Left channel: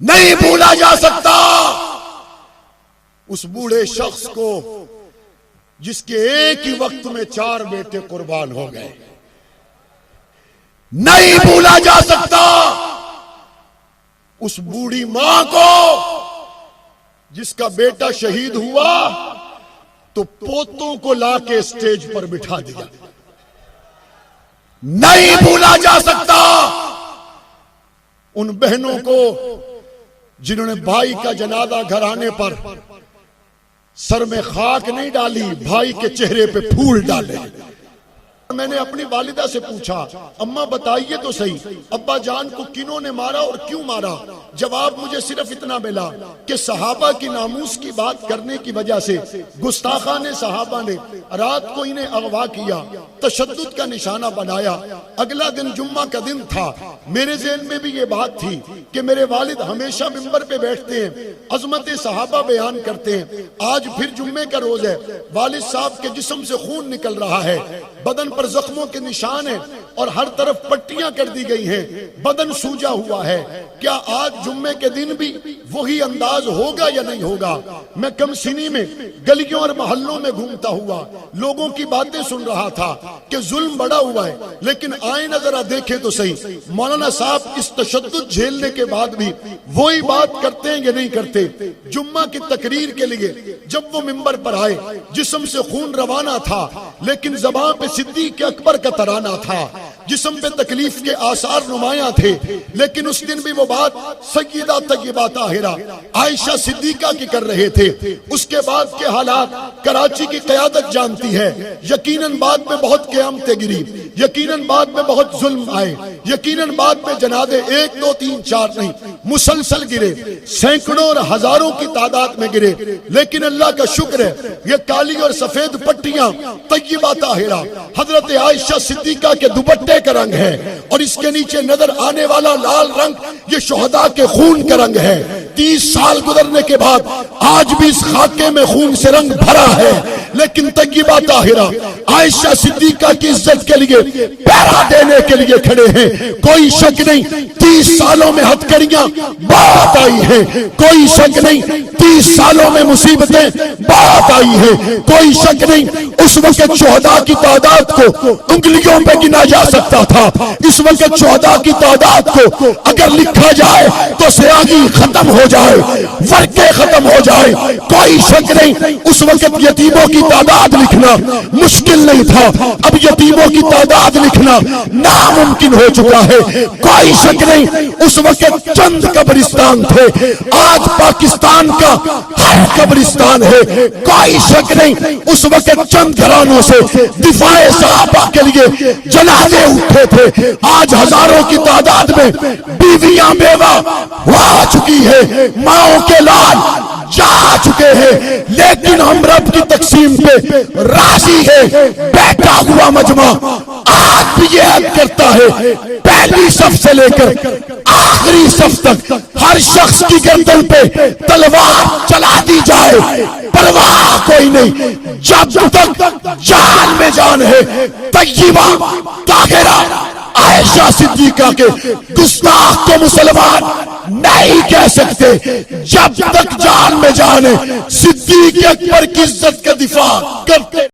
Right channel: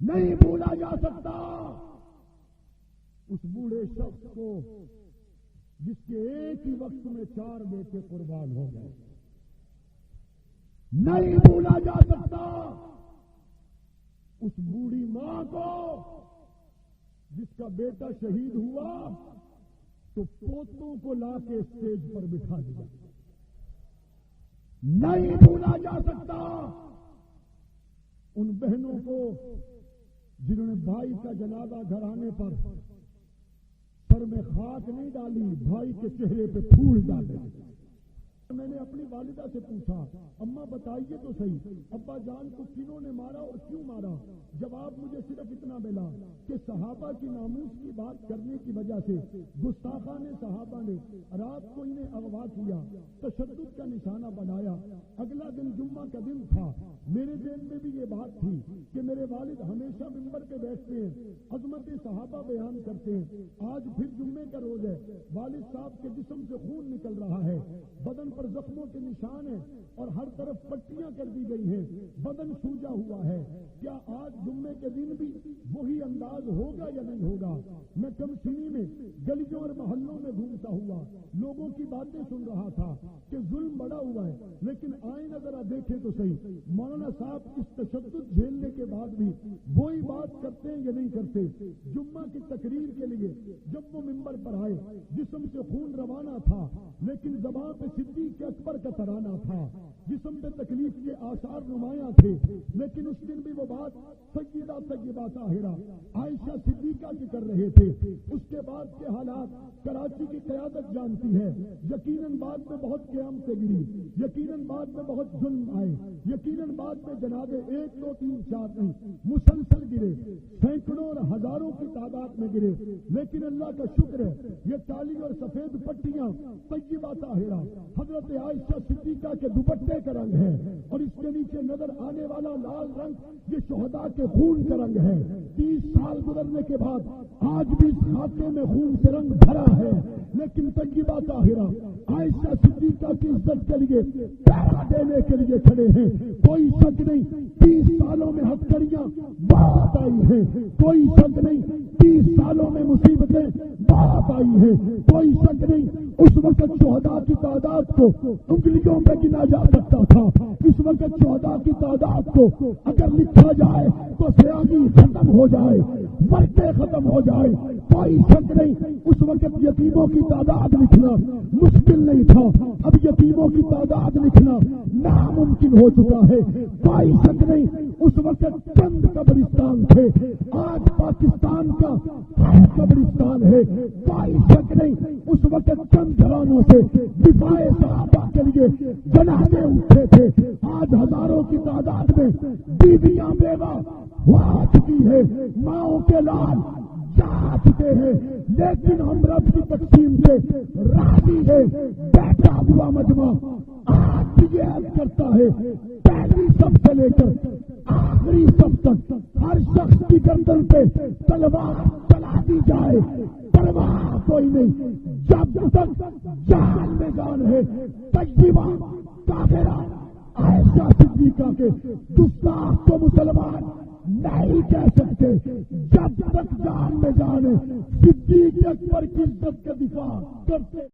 نہیں بھولا جا سکتا اس بوڑھے شخص کو جس کے ایک ہی وقت میں 4 بیٹے قربان ہو گئے. نہیں بھولا جا سکتا اس بوڑھی ماں کو جس کا بیٹا شہید ہوا تو پوتوں کو لا کے اسٹیج پر بٹھا دیا. نہیں بھولا جا سکتا ان بہنوں کو جنہوں نے بھائی کا جنازہ گھر آنے پر سر میں خاک نہیں ڈالی، بھائی کے چہرے پہ پھول ڈالے. میں نے اپنی والدہ سے پوچھا اماں بتائیے تو صحیح ابا جان کو کنہوں نے مارا اور کیوں مارا؟ جواب مجھے صرف اتنا ملا کہ صحابہ کی ناموس کی بات کرنے کی وجہ سے گستاخان صحابہ نے رات کو انہیں اغوا کیا، تشدد کا نشانہ بنایا. اگلا دن جمعہ کا دن تھا. میرے ذہن میں بھی یہ بات تھی کہ میرے والد ہمیشہ ممبر پہ بیٹھتے ہیں، عظمت صحابہ بیان کرتے ہیں. آج پھر جمعے کا روز ہے، والد صاحب کے جسم سے خون نکل رہا ہے، بدن پر زخموں کے نشان ہیں اور ہر طرف پٹیاں کر دی گئی ہیں، بدن سوجا ہوا ہے. کیا آج جمعے کے دن بھی وہی انداز ہوگا یا نہیں ہوگا؟ میں کم سنی میں گلیوں اور محلوں میں گھومتا ہوا لوگوں کی باتیں سن رہا تھا کہ ظلم بڑا ہوا ہے، لیکن آئیں نظر دیکھیں تو صحیح مولانا صاحب اس تشدد جھیلنے کے بعد بھی وہی بات کرتے ہیں یا نہیں کرتے؟ جمعہ کی تقریر کے لیے جب وہ ممبر پر آئے جسم سے خون روانہ تھا، لیکن زبان پہ صدیق اکبر کا ترانہ تھا، جسم پہ تکلیف کے آثار نمایاں تھے. لیکن اس دن بھی وہ بات سیدہ طیبہ طاہرہ عائشہ صدیقہ کی کر رہے تھے. اس کے بعد کے حالات کراچی کی قیادت جانتی ہے. یقیناً بعد میں بہت قیامتیں گری، یقیناً بعد میں بہت ظلم آئے، یقیناً بعد میں جنازے 1 2 3 4 نہیں مسلسل گرے، سینکڑوں اور ہزاروں کی تعداد میں گرے. لیکن اللہ کا شکر ہے یہ کالی اور سفید پٹیاں طیبہ طاہرہ حضرت عائشہ صدیقہ کے دوپٹے کا رنگ ہے، اور اس کے نیچے نظر آنے والا لال رنگ یہ شہداء کے خون کا رنگ ہے. 30 سال گزرنے کے بعد آج بھی اس خاکے میں خون سے رنگ بھرا ہے. لیکن طیبہ طاہرہ عائشہ صدیقہ کی عزت کے لیے پہرا دینے کے لیے کھڑے ہیں. کوئی شک نہیں 30 سالوں میں ہتھکڑیاں بات آئی ہیں، کوئی شک نہیں 30 سالوں میں مصیبتیں بات آئی ہیں، کوئی شک نہیں اس وقت شہداء کی تعداد کو انگلیوں پہ گنا جا سکتا تھا. اس وقت شہداء کی تعداد کو اگر لکھا جائے تو سیاہی ختم ہو جائے، ورقے ختم ہو جائے. کوئی شک نہیں اس وقت یتیموں کی تعداد لکھنا مشکل نہیں تھا، اب یتیموں کی تعداد لکھنا ناممکن ہو چکا ہے. کوئی شک نہیں اس وقت چند قبرستان تھے، آج پاکستان کا ہر قبرستان ہے. کوئی شک نہیں اس وقت چند گھرانوں سے دفاع صحابہ کے لیے جنازے اٹھے تھے، آج ہزاروں کی تعداد میں بیویاں بیوہ ہوا چکی ہے، ماؤں کے لال جا چکے ہیں. لیکن ہم رب کی تقسیم پہ راضی ہے. بیٹھا ہوا مجمع آج بھی یہ عہد کرتا ہے پہلی صف سے لے کر آخری صف تک ہر شخص کی گردن پہ تلوار چلا دی جائے، پرواہ کوئی نہیں، جب تک جان میں جان ہے. طیبہ طاہرہ عائشہ صدیقہ کے گستاخ کو مسلمان نہیں کہہ سکتے جب تک جان میں جان ہے. صدیق اکبر کی عزت کا دفاع کرتے